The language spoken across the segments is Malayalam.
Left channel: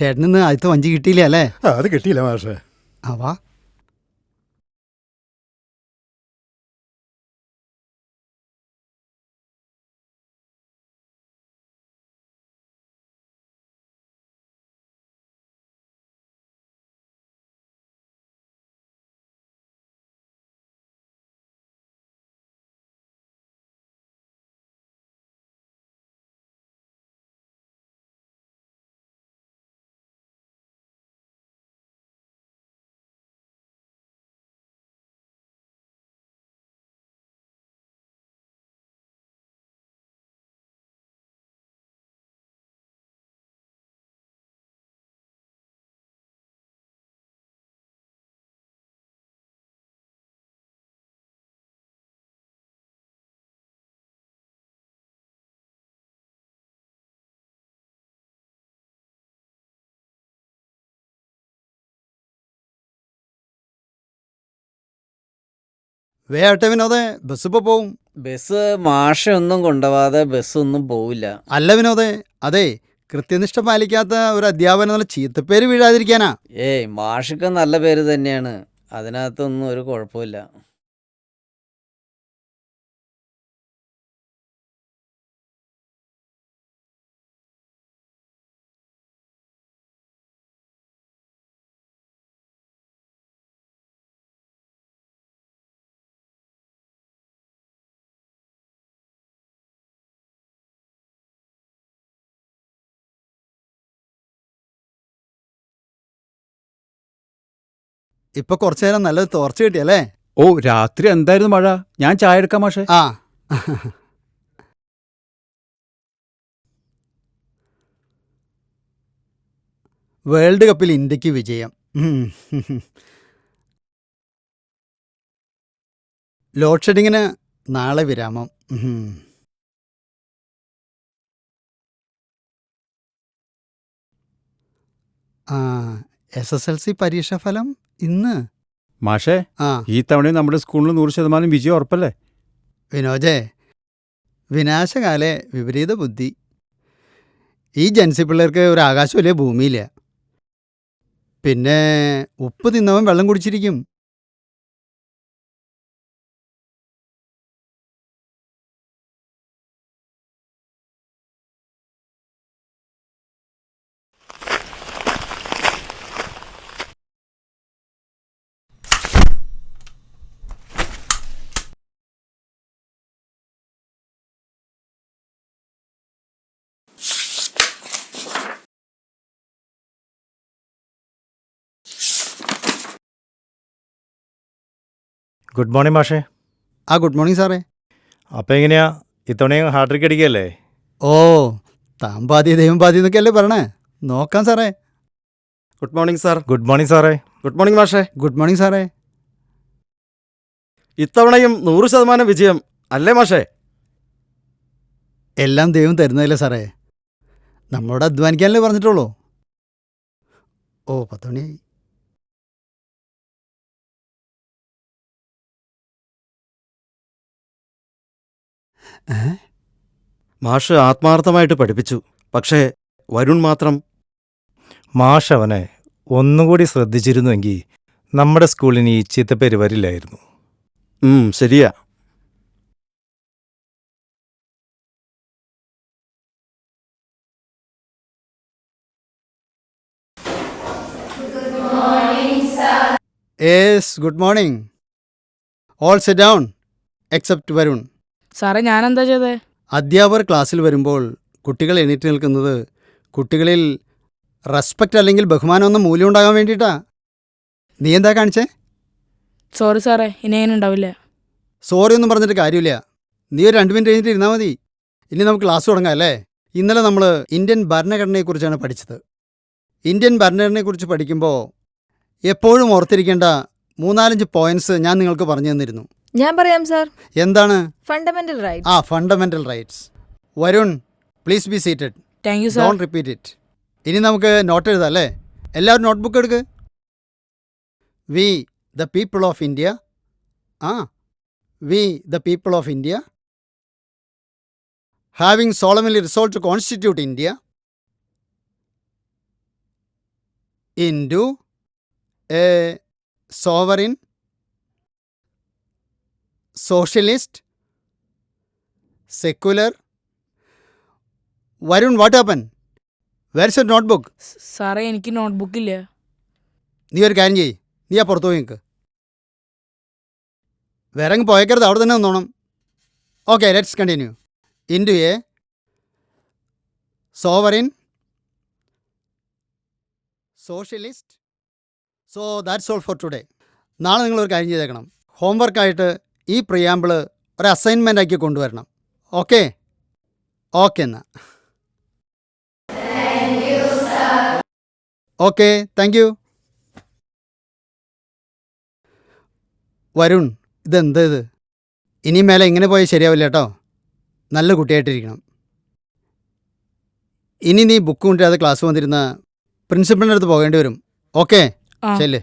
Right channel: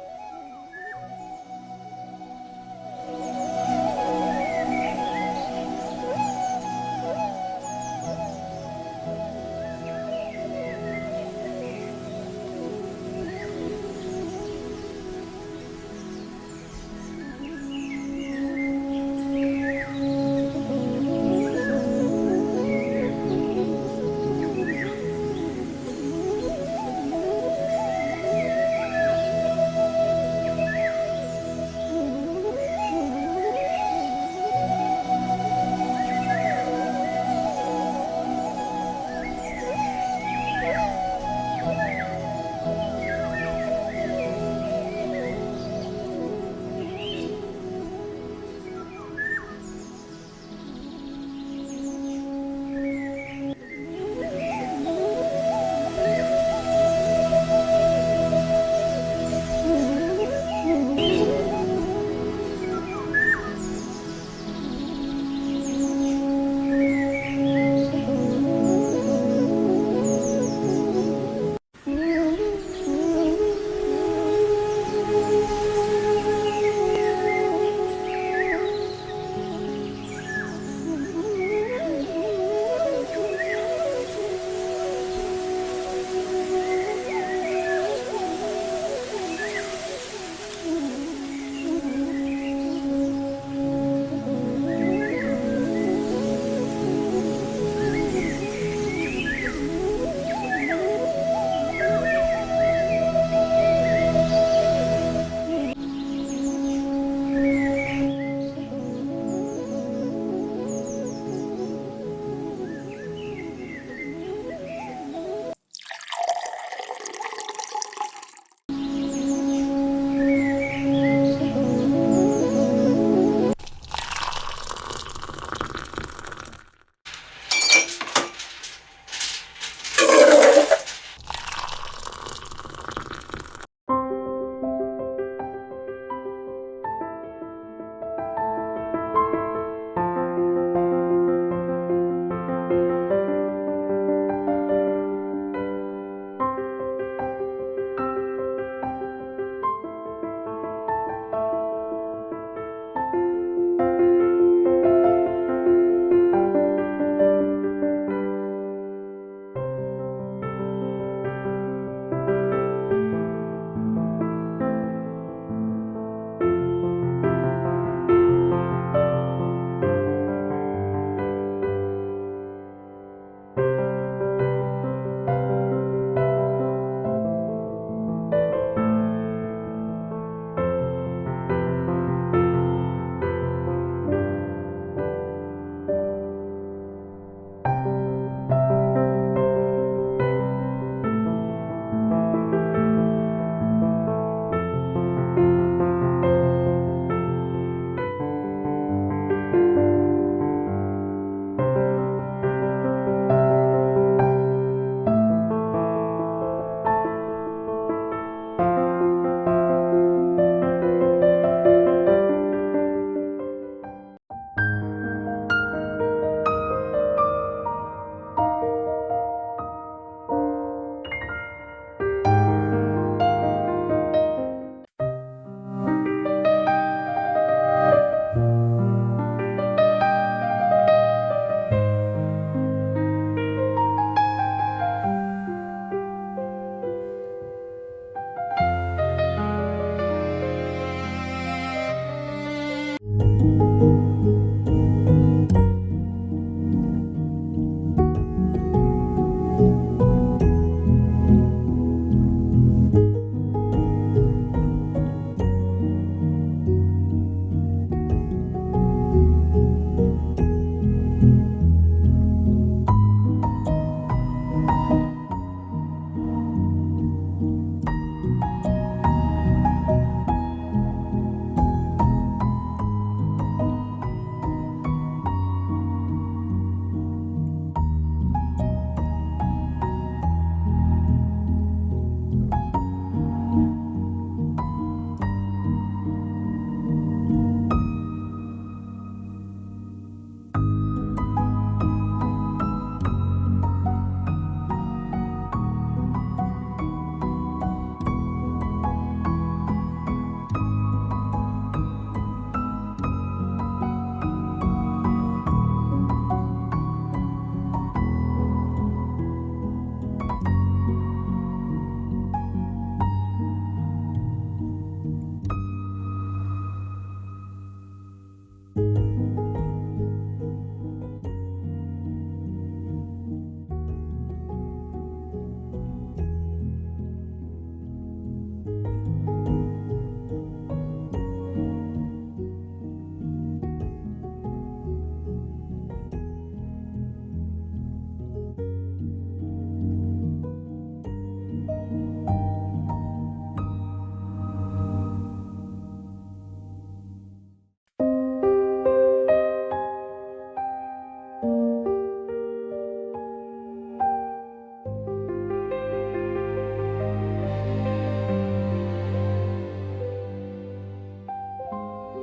ചേട്ടനിന്ന് ആദ്യത്തെ വഞ്ചി കിട്ടിയില്ല അല്ലേ? അത് കിട്ടിയില്ല മാഷേ. ആവാ വേട്ടെ വിനോദേ, ബസ് ഇപ്പൊ പോവും. ബസ് മാഷ ഒന്നും കൊണ്ടുപോവാതെ ബസ്സൊന്നും പോവില്ല. അല്ല വിനോദേ, അതെ കൃത്യനിഷ്ഠ പാലിക്കാത്ത ഒരു അധ്യാപനം നല്ല ചീത്തപ്പേര് വീഴാതിരിക്കാനാ. മാഷിക്ക് നല്ല പേര് തന്നെയാണ്, അതിനകത്തൊന്നും ഒരു കുഴപ്പമില്ല. ഇപ്പൊ കുറച്ചു നേരം നല്ലൊരു തോർച്ച കിട്ടിയല്ലേ? ഓ, രാത്രി എന്തായിരുന്നു മഴ. ഞാൻ ചായ എടുക്കാം മാഷേ. ആ വേൾഡ് കപ്പിൽ ഇന്ത്യക്ക് വിജയം. ലോഡ് ഷെഡിങ്ങിന് നാളെ വിരാമം. SSLC പരീക്ഷാ ഫലം ഇന്ന്. മാഷേ, ഈ തവണ നമ്മുടെ സ്കൂളിൽ 100% വിജയം ഉറപ്പല്ലേ? വിനോജേ, വിനാശകാലെ വിപരീത ബുദ്ധി. ഈ ജൻസി പിള്ളേർക്ക് ഒരു ആകാശമില്ലേ ഭൂമിയില്ല. പിന്നെ ഉപ്പ് തിന്നവൻ വെള്ളം കുടിച്ചിരിക്കും. ഗുഡ് മോർണിംഗ് മാഷേ. ഗുഡ് മോർണിംഗ് സാറേ. അപ്പം എങ്ങനെയാ ഇത്തവണയും ഹാർഡ്രിക്ക് അടിക്കുകയല്ലേ? ഓ, താൻ പാതി ദൈവം പാതി എന്നൊക്കെയല്ലേ പറഞ്ഞേ. നോക്കാം സാറേ. Good morning sir. Good morning സാറേ. ഗുഡ് മോർണിംഗ് മാഷേ. ഗുഡ് മോർണിംഗ് സാറേ. ഇത്തവണയും 100% വിജയം അല്ലേ മാഷേ? എല്ലാം ദൈവം തരുന്നതല്ലേ സാറേ. നമ്മളോട് അധ്വാനിക്കാനല്ലേ പറഞ്ഞിട്ടുള്ളൂ. ഓ, 10 മണി. മാഷ് ആത്മാർത്ഥമായിട്ട് പഠിപ്പിച്ചു. പക്ഷേ വരുൺ മാത്രം. മാഷ് അവനെ ഒന്നുകൂടി ശ്രദ്ധിച്ചിരുന്നുവെങ്കിൽ നമ്മുടെ സ്കൂളിന് ഈ ചീത്തപ്പേര് വരില്ലായിരുന്നു. ശരിയാ. Yes, good morning. All sit down except Varun. സാറേ, ഞാൻ എന്താ ചെയ്തേ? അധ്യാപകർ ക്ലാസ്സിൽ വരുമ്പോൾ കുട്ടികൾ എണീറ്റ് നിൽക്കുന്നത് കുട്ടികളിൽ റെസ്പെക്റ്റ് അല്ലെങ്കിൽ ബഹുമാനം ഒന്നും മൂല്യം ഉണ്ടാകാൻ വേണ്ടിയിട്ടാ. നീ എന്താ കാണിച്ചേ? സോറി സാറേ, ഇനി അങ്ങനെ ഉണ്ടാവില്ല. സോറി ഒന്നും പറഞ്ഞിട്ട് കാര്യമില്ല. നീ ഒരു 2 മിനിറ്റ് കഴിഞ്ഞിട്ട് ഇരുന്നാൽ മതി. ഇനി നമുക്ക് ക്ലാസ് തുടങ്ങാം അല്ലേ? ഇന്നലെ നമ്മൾ ഇന്ത്യൻ ഭരണഘടനയെക്കുറിച്ചാണ് പഠിച്ചത്. ഇന്ത്യൻ ഭരണഘടനയെക്കുറിച്ച് പഠിക്കുമ്പോൾ എപ്പോഴും ഓർത്തിരിക്കേണ്ട 3-4 പോയിന്റ്സ് ഞാൻ നിങ്ങൾക്ക് പറഞ്ഞു തന്നിരുന്നു. ഞാൻ പറയാം സാർ. എന്താണ്? Fundamental right. Fundamental rights. Varun, please be seated. Thank you sir. Don't repeat it. ഇനി നമുക്ക് നോട്ട് എഴുതാം അല്ലേ? എല്ലാവരും നോട്ട്ബുക്ക് എടുക്ക്. We the people of India. We the people of India having solemnly resolved to constitute India into a sovereign, socialist, secular. Varun, what happened? Where's your notebook? സാറേ എനിക്ക് നോട്ട്ബുക്ക് ഇല്ല. നീ ഒരു കാര്യം ചെയ്യ്, നീ ആ പുറത്തു പോയി നിൽക്ക്. വേറെ അങ്ങ് പോയേക്കരുത്, അവിടെ തന്നെ നിന്നോണം. Okay, let's continue. Into a sovereign, socialist. So that's all for today. നാളെ നിങ്ങളൊരു കാര്യം ചെയ്തേക്കണം. ഹോംവർക്കായിട്ട് ഈ പ്രിയാമ്പിള് ഒരു അസൈൻമെൻ്റ് ആക്കി കൊണ്ടുവരണം. ഓക്കെ ഓക്കെ എന്നാൽ ഓക്കെ, താങ്ക് യു. വരുൺ, ഇതെന്താ ഇത്? ഇനി മേലെ ഇങ്ങനെ പോയാൽ ശരിയാവില്ല കേട്ടോ. നല്ല കുട്ടിയായിട്ടിരിക്കണം. ഇനി നീ ബുക്ക് കൊണ്ടിരാതെ ക്ലാസ് വന്നിരുന്ന പ്രിൻസിപ്പളിൻ്റെ അടുത്ത് പോകേണ്ടി വരും. ഓക്കെ, ആ. ശരി.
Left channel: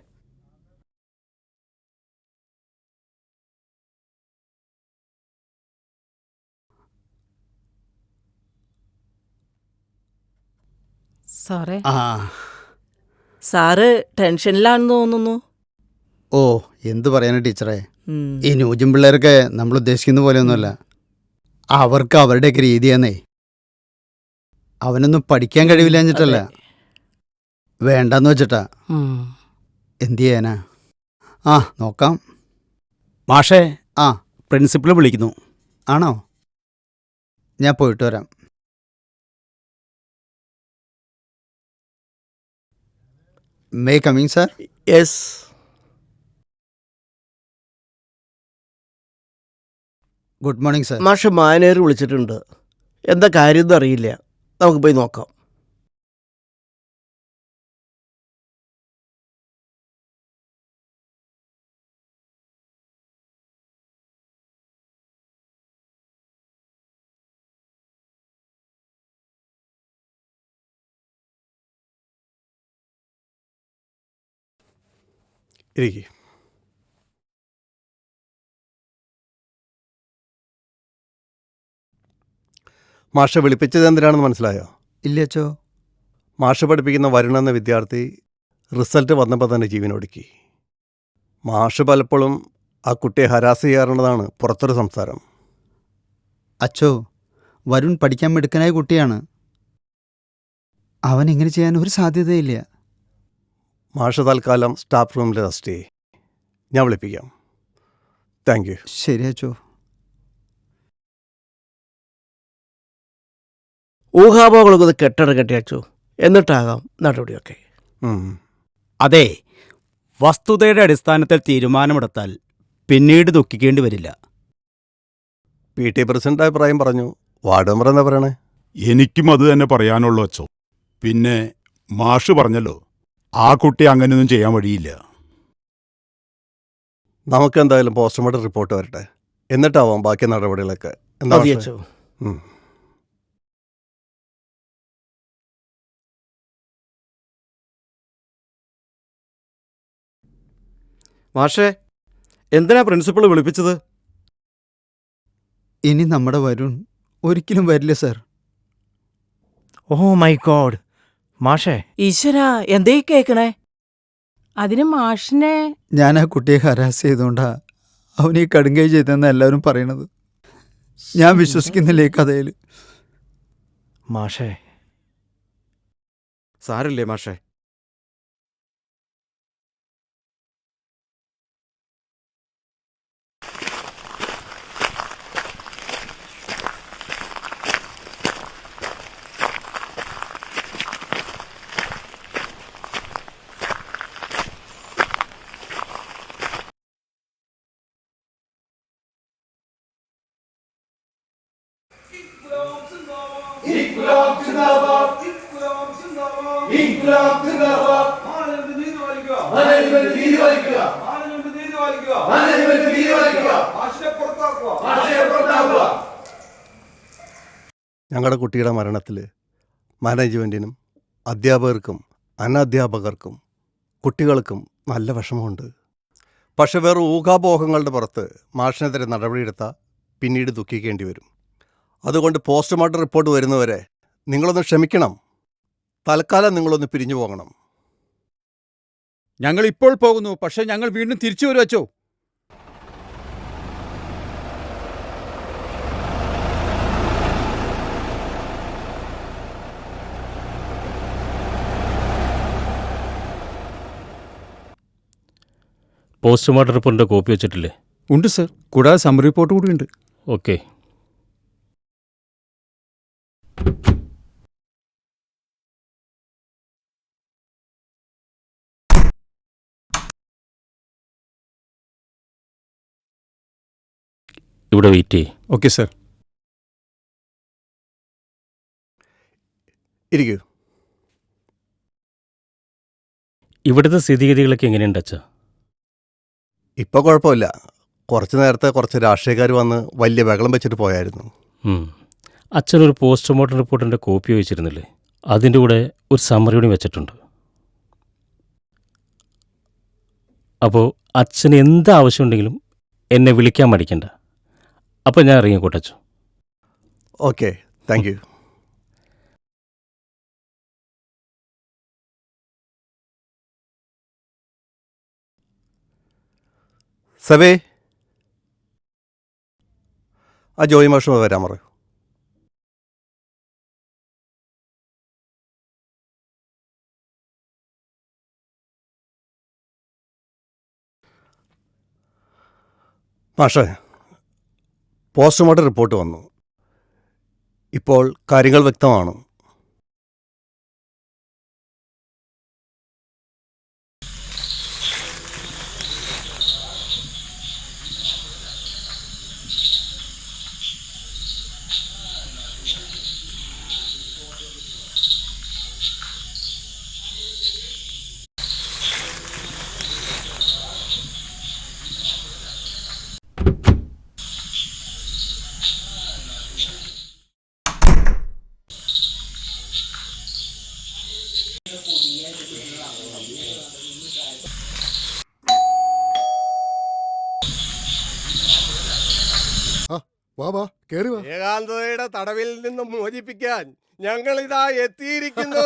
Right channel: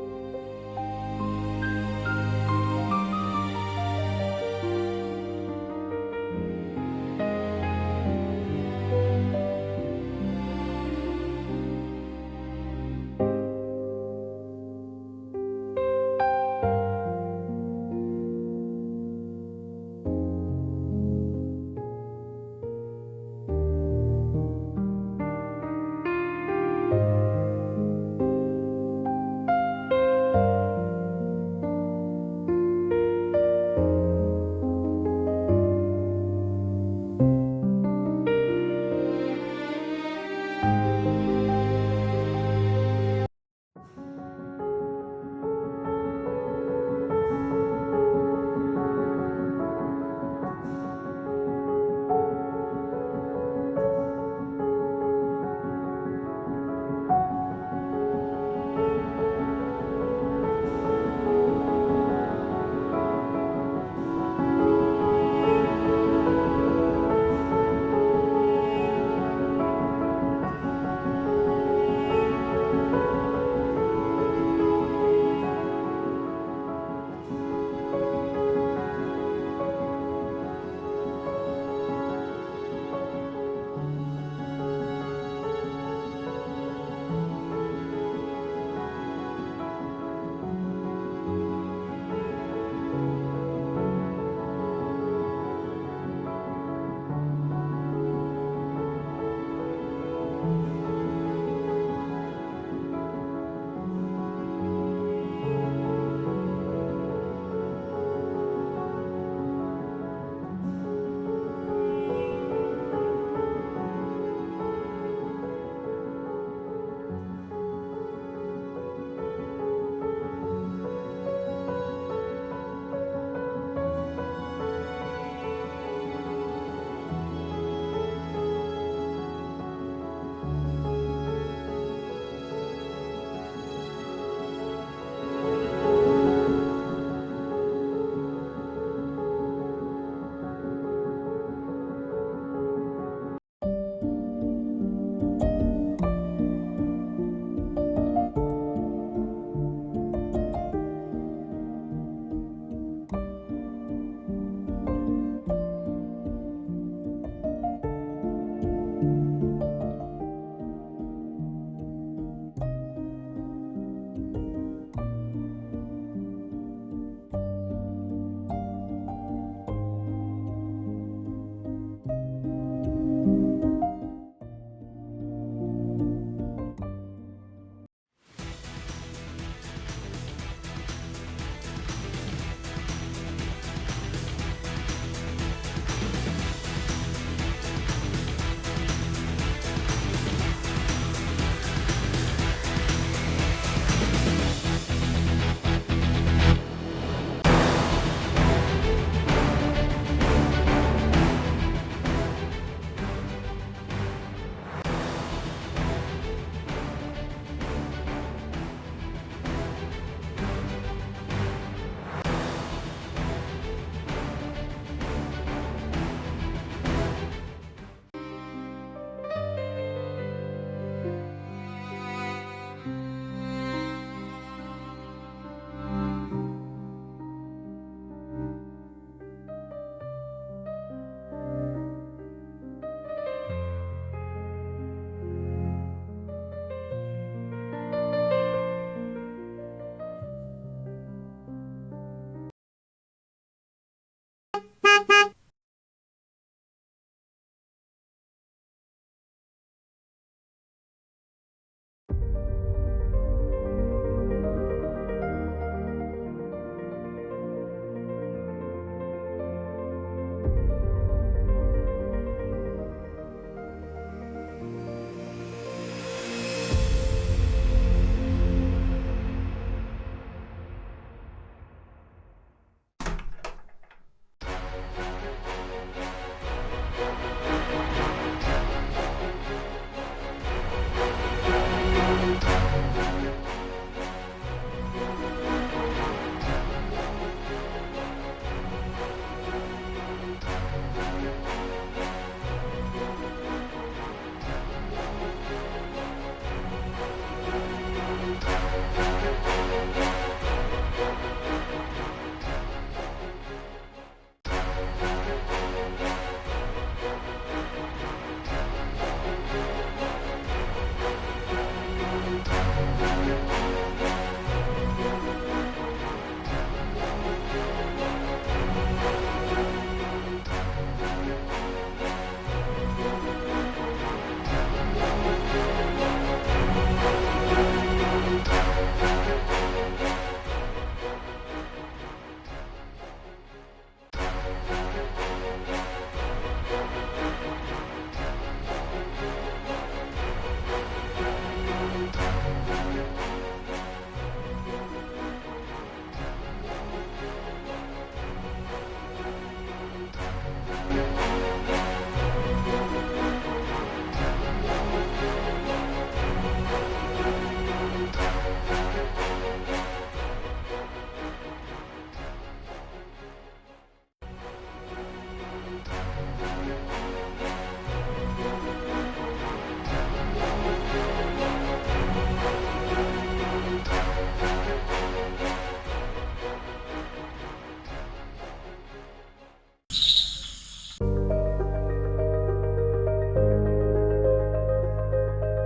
സാറേ ആ സാറ് ടെൻഷനിലാണെന്ന് തോന്നുന്നു. ഓ, എന്ത് പറയാനാ ടീച്ചറെ. ഈ ന്യൂജൻ പിള്ളേർക്ക് നമ്മൾ ഉദ്ദേശിക്കുന്ന പോലെയൊന്നുമല്ല. അവർക്ക് അവരുടെയൊക്കെ രീതിയാന്നേ. അവനൊന്നും പഠിക്കാൻ കഴിവില്ല എന്നിട്ടല്ല, വേണ്ടെന്ന് വെച്ചിട്ടാ. എന്ത് ചെയ്യാനാ? നോക്കാം. മാഷേ, ആ പ്രിൻസിപ്പൾ വിളിക്കുന്നു. ആണോ? ഞാൻ പോയിട്ട് വരാം. May coming sir? Yes. Good morning sir. മാഷ് മാനേജർ വിളിച്ചിട്ടുണ്ട്. എന്താ കാര്യം അറിയില്ല. നമുക്ക് പോയി നോക്കാം. ഇരിക്ക്. മാഷ വിളിപ്പിച്ചത് എന്തിനാണെന്ന് മനസ്സിലായോ? ഇല്ല അച്ചോ. മാഷ പഠിപ്പിക്കുന്ന വരുൺ എന്ന വിദ്യാർത്ഥി റിസൾട്ട് വന്നപ്പോൾ തന്നെ ജീവനൊടുക്കി. മാഷ് പലപ്പോഴും ആ കുട്ടിയെ ഹരാസ് ചെയ്യാറുള്ളതാണ് പുറത്തൊരു സംസാരം. അച്ചോ, വരുൺ പഠിക്കാൻ മിടുക്കനായ കുട്ടിയാണ്. അവൻ ഇങ്ങനെ ചെയ്യാൻ ഒരു സാധ്യതയില്ല. മാഷ തൽക്കാലം സ്റ്റാഫ് റൂമിൽ റെസ്റ്റ് ചെയ്യും. ഞാൻ വിളിപ്പിക്കാം. Thank you. ശരി അച്ചോ. ഊഹാപോഹങ്ങളൊക്കെ കെട്ടടക്കട്ടെ അച്ചു. എന്നിട്ടാകാം നടപടിയൊക്കെ. അതെ, വസ്തുതയുടെ അടിസ്ഥാനത്തിൽ തീരുമാനമെടുത്താൽ പിന്നീട് ദുഃഖിക്കേണ്ടി വരില്ല. PT പ്രസിഡന്റ് അഭിപ്രായം പറഞ്ഞു. വാർഡ് മെമ്പർ എന്താ പറയണേ? എനിക്കും അത് തന്നെ പറയാനുള്ളൂ അച്ചോ. പിന്നെ മാഷ് പറഞ്ഞല്ലോ, ആ കുട്ടി അങ്ങനെയൊന്നും ചെയ്യാൻ വഴിയില്ല. നമുക്ക് എന്തായാലും പോസ്റ്റ്മോർട്ടം റിപ്പോർട്ട് വരട്ടെ, എന്നിട്ടാവാം ബാക്കി നടപടികളൊക്കെ. എന്താ മതി മാഷേ? അച്ചു. മാഷേ, എന്തിനാ പ്രിൻസിപ്പൾ വിളിപ്പിച്ചത്? ഇനി നമ്മുടെ വരുൺ ഒരിക്കലും വരില്ല സാർ. Oh my God. മാഷേ, ഈശ്വര, എന്തേ കേക്കണേ? അതിന് മാഷിനെ ഞാൻ ആ കുട്ടിയെ ഹരാസ് ചെയ്തുകൊണ്ടാ അവനെ ഈ കടുങ്കൈ ചെയ്തെന്ന് എല്ലാവരും പറയണത്. ഞാൻ വിശ്വസിക്കുന്നില്ല ഈ കഥയിൽ. മാഷേ, സാരില്ലേ മാഷേ. ഞങ്ങളുടെ കുട്ടിയുടെ മരണത്തിൽ മാനേജ്മെൻറ്റിനും അധ്യാപകർക്കും അനധ്യാപകർക്കും കുട്ടികൾക്കും നല്ല വിഷമമുണ്ട്. പക്ഷെ വേറെ ഊഹാപോഹങ്ങളുടെ പുറത്ത് മാഷിനെതിരെ നടപടിയെടുത്താൽ പിന്നീട് ദുഃഖിക്കേണ്ടി വരും. അതുകൊണ്ട് പോസ്റ്റ്മോർട്ടം റിപ്പോർട്ട് വരുന്നവരെ നിങ്ങളൊന്ന് ക്ഷമിക്കണം. തൽക്കാലം നിങ്ങളൊന്ന് പിരിഞ്ഞു പോകണം. ഞങ്ങൾ ഇപ്പോൾ പോകുന്നു, പക്ഷെ ഞങ്ങൾ വീണ്ടും തിരിച്ചു വരും അച്ചോ. പോസ്റ്റ്മോർട്ടം റിപ്പോർട്ടിൻ്റെ കോപ്പി വെച്ചിട്ടില്ലേ? ഉണ്ട് സർ, കൂടാതെ സമ്മറി റിപ്പോർട്ട് കൂടി ഉണ്ട്. ഓക്കെ. ഇവിടെ വെയിറ്റ് ചെയ്യും. Okay sir. ഇരിക്കൂ. ഇവിടുത്തെ സ്ഥിതിഗതികളൊക്കെ എങ്ങനെയുണ്ട് അച്ഛൻ? ഇപ്പോൾ കുഴപ്പമില്ല. കുറച്ച് നേരത്തെ കുറച്ച് രാഷ്ട്രീയക്കാർ വന്ന് വലിയ ബഹളം വെച്ചിട്ട് പോയായിരുന്നു. അച്ഛനൊരു പോസ്റ്റ്മോർട്ടം റിപ്പോർട്ടിൻ്റെ കോപ്പി വെച്ചിരുന്നില്ലേ? അതിൻ്റെ കൂടെ ഒരു സമ്മറി കൂടി വെച്ചിട്ടുണ്ട്. അപ്പോൾ അച്ഛന് എന്ത് ആവശ്യമുണ്ടെങ്കിലും എന്നെ വിളിക്കാൻ മടിക്കണ്ട. അപ്പോൾ ഞാൻ ഇറങ്ങിക്കോട്ടെ അച്ഛൻ. Okay, thank you. സബേ, ആ ജോയി മാഷ് വരാൻ പറ. മാഷേ, പോസ്റ്റ്മോർട്ടം റിപ്പോർട്ട് വന്നു. ഇപ്പോൾ കാര്യങ്ങൾ വ്യക്തമാണ്. ഏകാന്തതയുടെ തടവിൽ നിന്നും മോചിപ്പിക്കാൻ ഞങ്ങൾ ഇതാ എത്തിയിരിക്കുന്നു.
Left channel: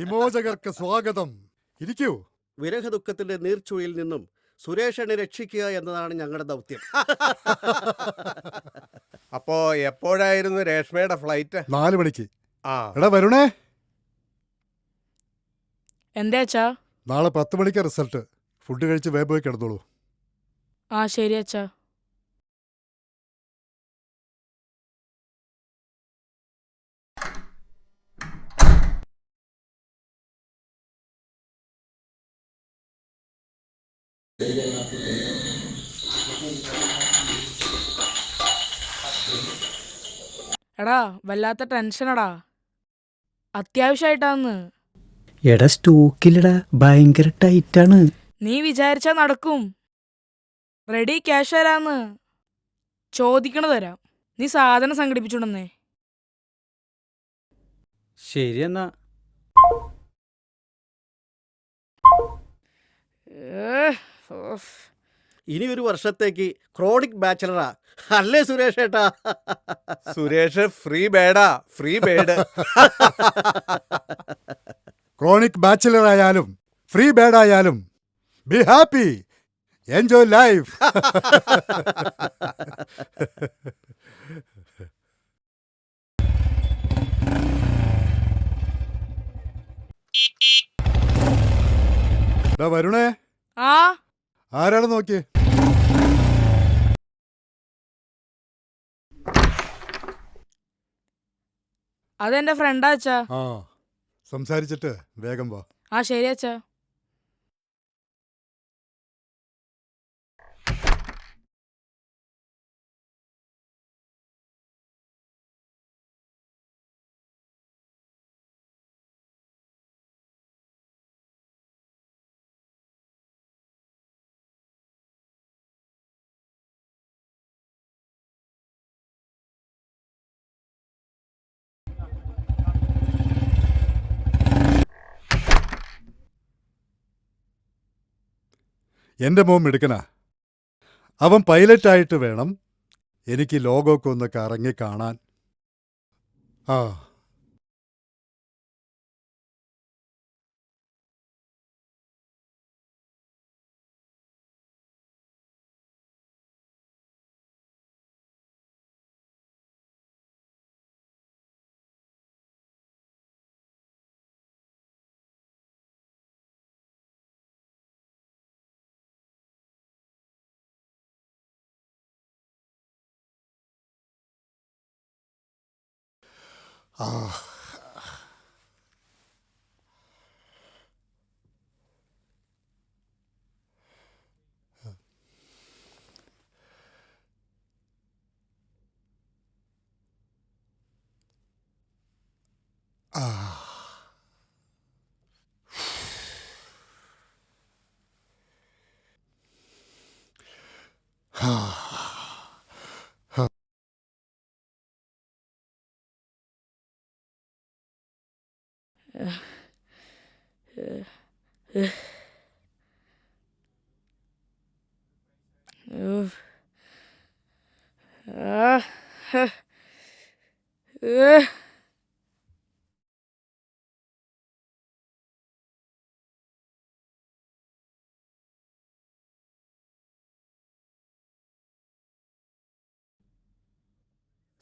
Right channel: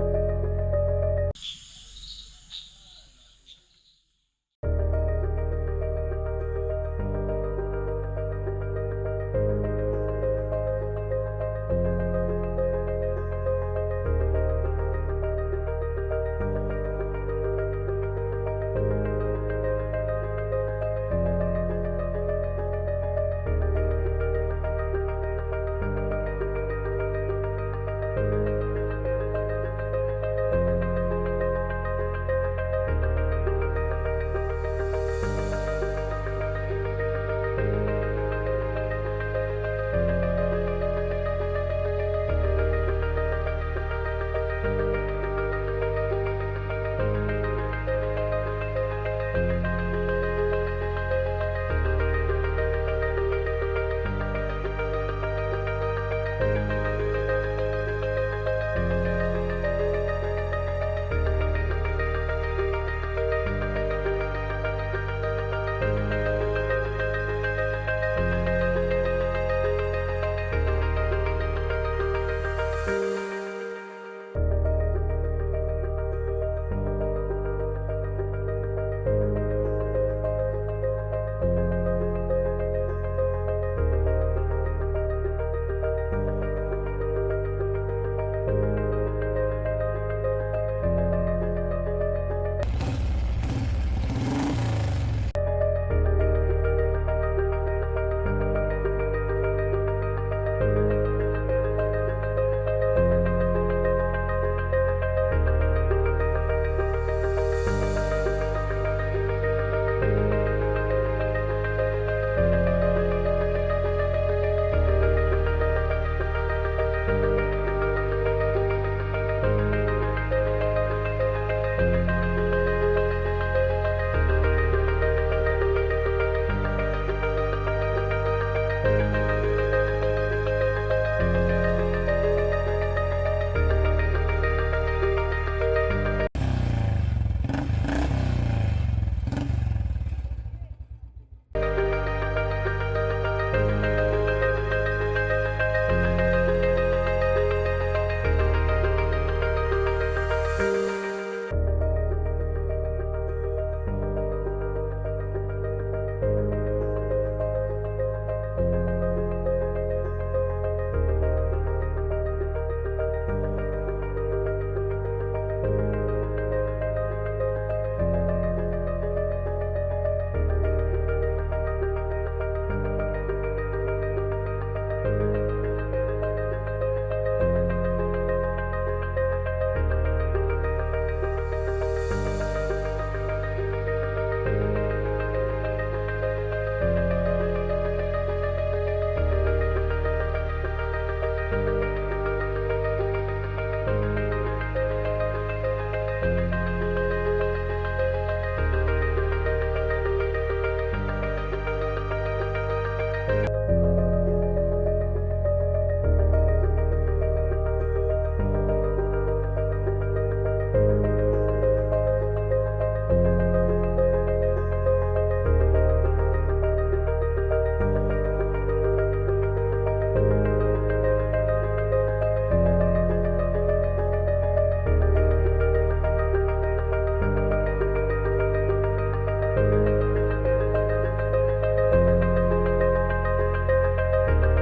വിമോചകർക്ക് സ്വാഗതം. ഇരിക്കൂ. വിരഹ ദുഃഖത്തിന്റെ നീർച്ചുയിൽ നിന്നും സുരേഷനെ രക്ഷിക്കുക എന്നതാണ് ഞങ്ങളുടെ ദൗത്യം. അപ്പോ എപ്പോഴായിരുന്നു രേഷ്മയുടെ ഫ്ലൈറ്റ്? 4 മണിക്ക്. ആ, എടാ വരുണേ, എന്താ അച്ഛാ? നാളെ 10 മണിക്ക് റിസൾട്ട്. ഫുഡ് കഴിച്ച് വേഗം പോയി കിടന്നോളൂ. ആ ശരി അച്ഛാ. എടാ വല്ലാത്ത ടെൻഷനടാ. അത്യാവശ്യമായിട്ടാന്ന്. എടാ സ്റ്റോക്കിലടാ, ഭയങ്കര ടൈറ്റാണ്. നീ വിചാരിച്ചാ നടക്കും. റെഡി, ക്യാഷ് തരാന്ന്. ചോദിക്കണ തരാം. നീ സാധനം സംഘടിപ്പിച്ചോണ്ടെന്നേ. ശരി എന്നാ. ഇനി ഒരു വർഷത്തേക്ക് ക്രോണിക് ബാച്ചലറാ അല്ലേ സുരേഷ് ഏട്ടാ? സുരേഷ് ഫ്രീ ബേഡാ, ഫ്രീ ബേഡ്. ക്രോണിക് ബാച്ചിലർ ആയാലും ഫ്രീ ബേഡ് ആയാലും ബി ഹാപ്പി, എൻജോയ് ലൈഫ്. വരുണേ, ആ ആരാണ് നോക്കി? അതെന്റെ ഫ്രണ്ടാ അച്ഛാ. സംസാരിച്ചിട്ട് വേഗം പോ. ആ ശരി അച്ഛാ. എൻ്റെ മോൻ മിടുക്കനാ. അവൻ പൈലറ്റായിട്ട് വേണം എനിക്ക് ലോകമൊക്കെ ഒന്ന് കറങ്ങി കാണാൻ. ആ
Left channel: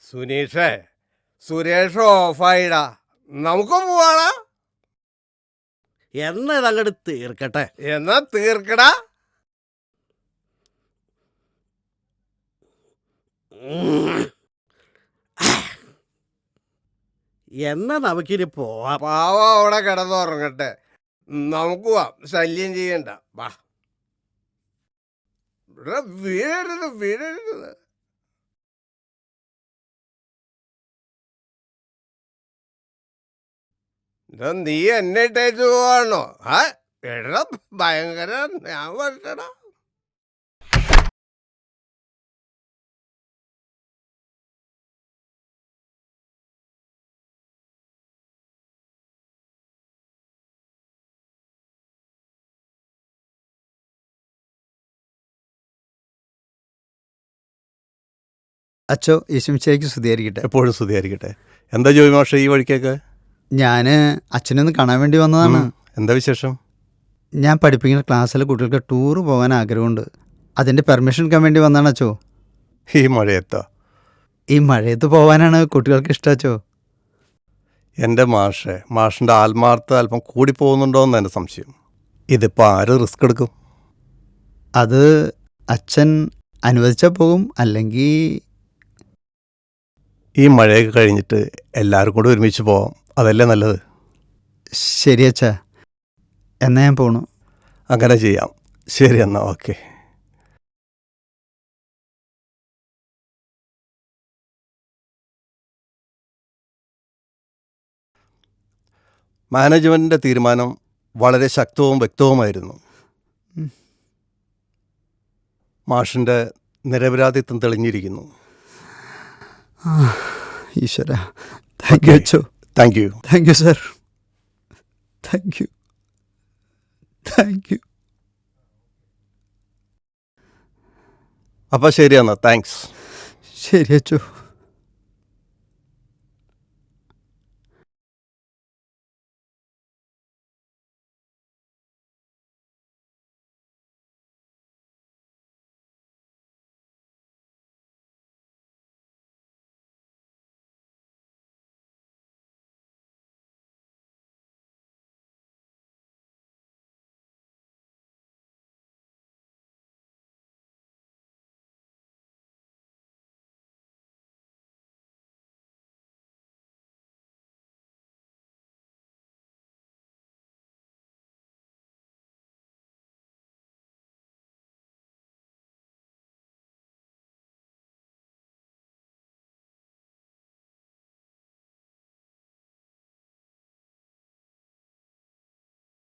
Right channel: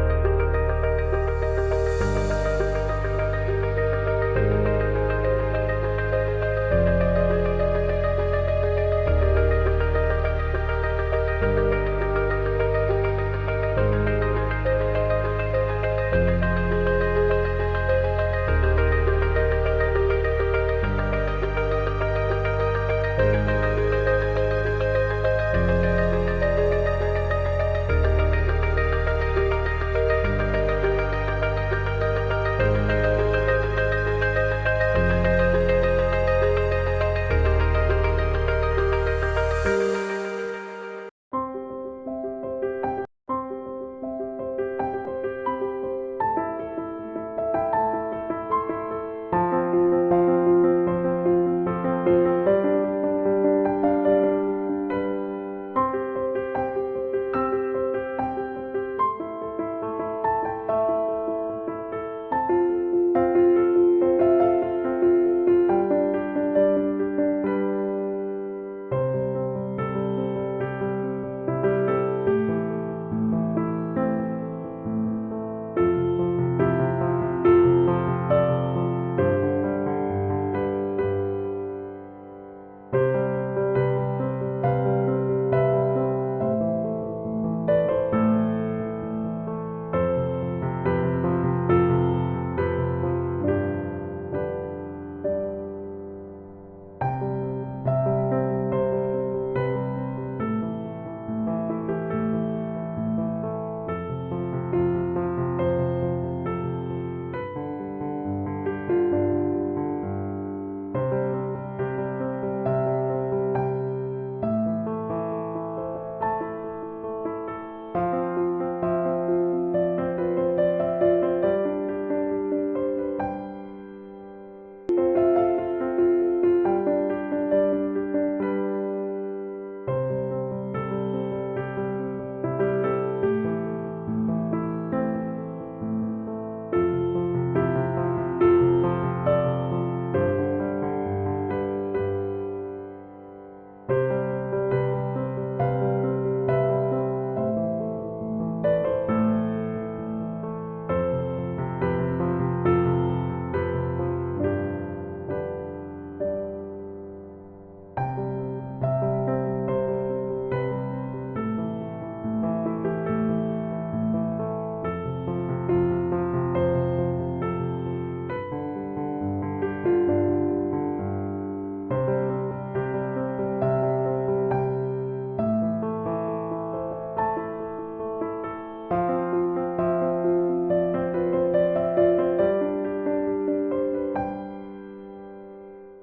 സുനീഷേ, സുരേഷ് ഓഫായിടാ. നമുക്ക് പോവാടാ. എന്നാ അങ്ങോട്ട് തീർക്കട്ടെ. എന്നാ തീർക്കടാ. എന്നാ നമുക്കിനി പോവാം. പാവ അവിടെ കിടന്നുറങ്ങട്ടെ. നമുക്ക് പോവാം. ശല്യം ചെയ്യണ്ട. വാ. എടാ, വീഴരുത്, വീഴരുത്. എടാ, നീ എന്നെ ഇട്ടേക്ക് പോവാണോ? എടാ, ഭയങ്കര ഞാൻ പഠിച്ചടാ. അച്ചോ, യേശുമിശിഹായ്ക്ക് സ്തുതിയായിരിക്കട്ടെ. എപ്പോഴും സ്തുതിയായിരിക്കട്ടെ. എന്താ ജോയി മാഷെ ഈ വഴിക്കൊക്കെ? ഞാൻ അച്ഛനൊന്ന് കാണാൻ വേണ്ടി വന്നതാണ്. എന്താ വിശേഷം? ഞാൻ പഠിപ്പിക്കുന്ന ക്ലാസ്സിലെ കുട്ടികൾക്ക് ടൂർ പോകാൻ ആഗ്രഹമുണ്ട്. അതിൻ്റെ പെർമിഷൻ എടുക്കാൻ വേണ്ടി വന്നതാണ് അച്ചോ. ഈ മഴയത്താ? ഈ മഴയത്ത് പോകാനാണ് കുട്ടികൾക്ക് ഇഷ്ടം അച്ചോ. എൻ്റെ മാഷിൻ്റെ ആത്മാർത്ഥ അല്പം കൂടി പോകുന്നുണ്ടോയെന്ന് എൻ്റെ സംശയം. ഇതിപ്പോൾ ആര് റിസ്ക് എടുക്കും? അത് അച്ഛൻ അനുവദിച്ചാൽ പോകും, അല്ലെങ്കിൽ ഈ മഴയൊക്കെ കഴിഞ്ഞിട്ട് എല്ലാവരും കൂടെ ഒരുമിച്ച് പോവാം. അതല്ലേ നല്ലത്. ശരി അച്ഛാ, എന്നാ ഞാൻ പോണു. അങ്ങനെ ചെയ്യാം. ശരി എന്നാ, ഓക്കെ. മാനേജ്മെന്റിന്റെ തീരുമാനം വളരെ ശക്തവും വ്യക്തവുമായിരുന്നു. മാഷിന്റെ നിരപരാധിത്വം തെളിഞ്ഞിരിക്കുന്നു. ഈശ്വര, താങ്ക് യു അച്ചോ. Thank you. Thank you sir. Thank you. Thank you. അപ്പം ശരി എന്നാ, താങ്ക്സ്. ശരി അച്ചോ.